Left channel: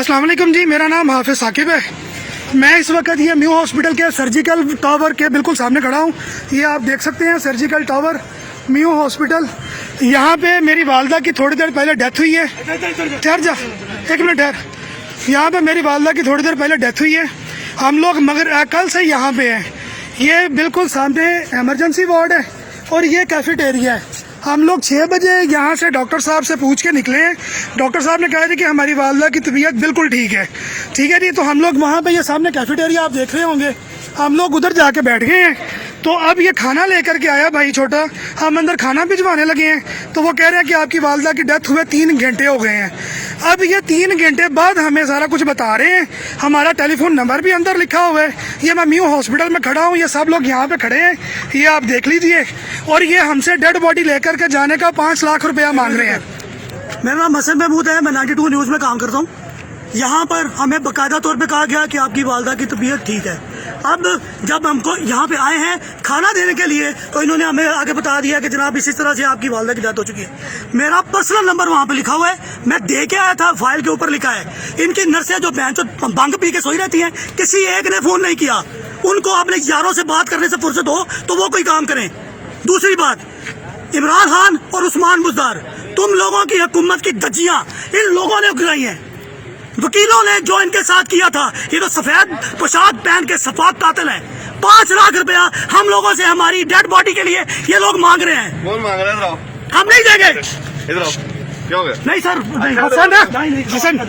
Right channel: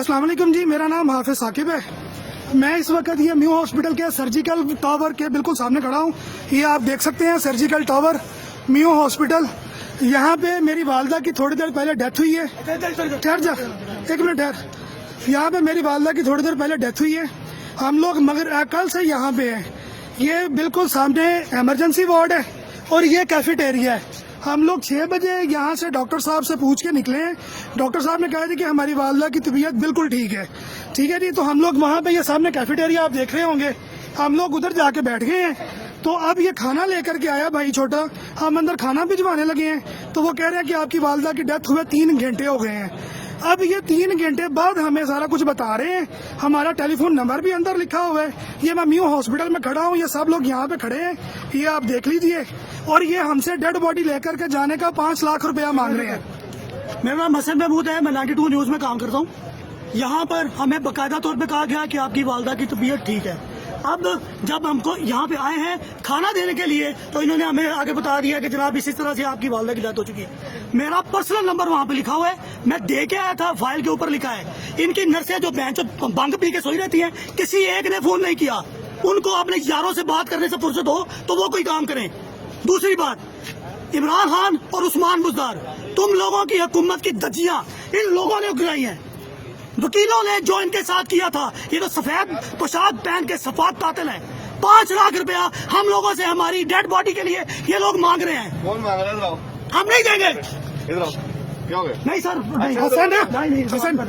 अस्सलाम वालेकुम जी, मेरा नाम हाफिज साकिब है। मैं इस वक्त ये न्यू हॉस्पिटल के सर्जिकल टावर के बिल्कुल सामने खड़ा हूँ। ये आप देख सकते हैं सर्जिकल टावर न्यू हॉस्पिटल। यहाँ पे मेरी वालदा की थोड़ी देर पहले डेथ हुई है। ठहर जा, एक मिनट ठहर। यहाँ पे मेरी वालदा की थोड़ी देर पहले डेथ हुई है। हम लोग मगर कल से यहाँ पे हैं। ये बिल्कुल सामने एमरजेंसी वार्ड है और ये कैफेटेरिया है। हम लोग 6 बजे यहाँ से डॉक्टर साहब से पूछ के निकले हैं। डॉक्टर साहब ने कहा था कि हमारी वालदा की तबीयत बिल्कुल ठीक है जी। तो हम लोग वहाँ पे ये सामने कैफेटेरिया आप देख रहे होंगे, हम लोग उधर जाके बैठ गए हैं। तो अब ये खाना लेकर के आया भाई छोटा, हम अंदर खाना भिजवाने लगे हैं। तो वो कह रहे हैं कि आपकी वालदा की डेथ हुए 3 घंटे हो गए हैं। अब ये 3 घंटे बाद हमें सारा कुछ बता रहे हैं। हमारा टेलीफोन नंबर भी अंदर लिखा हुआ है। ये मैं न्यू हॉस्पिटल में खड़ा हूँ, ये सब लोग यहाँ पे खड़े हैं, ये आप देख लीजिए। और ये हमसे डेड बॉडी लेकर के जाने का 5 लाख रुपया मांग रहे हैं। मेरा नाम हसन महमूद है, मैं 92 न्यूज़ में काम करता हूँ। यहाँ पर हमें बाकायदा तौर पे कहा गया कि आपकी वालदा की तबीयत ठीक है। अब जब हमको यहाँ पे आए हैं खाना देने के लिए, तो इन्होंने हमें आगे बता दिया कि जनाब इसी तरह से आपकी वालदा की डेथ हो चुकी है। मेरा पर्सनल नंबर वहाँ पे लिखा हुआ है, मैं दे के आया था, फाइल के ऊपर लिखा है। इनकी नर्सें जो भंग पी के सोई रहती हैं, किसी एक ने फोन नहीं किया। उनको अपने यारों से बात करने से फुर्सत हो तो वो कोई काम करें। दूसरी बात, इमरान खान और उस्मान बुज़दार, तुम लोगों की हुकूमत की धज्जियां इन लोगों ने उगराई हैं। वकीलों ने जो इनके साथ किया था, ये तो सफेद पोशाक पहन के सफाक कातिल हैं। 5 लाख रुपया हम लोगों से हमारी डेड बॉडी के लिए ये लोग मांग रहे हैं। कौन मांग रहा है? हम नहीं देंगे। इधर आओ, क्या हो गया? नहीं सर, नहीं। हसन है, हसन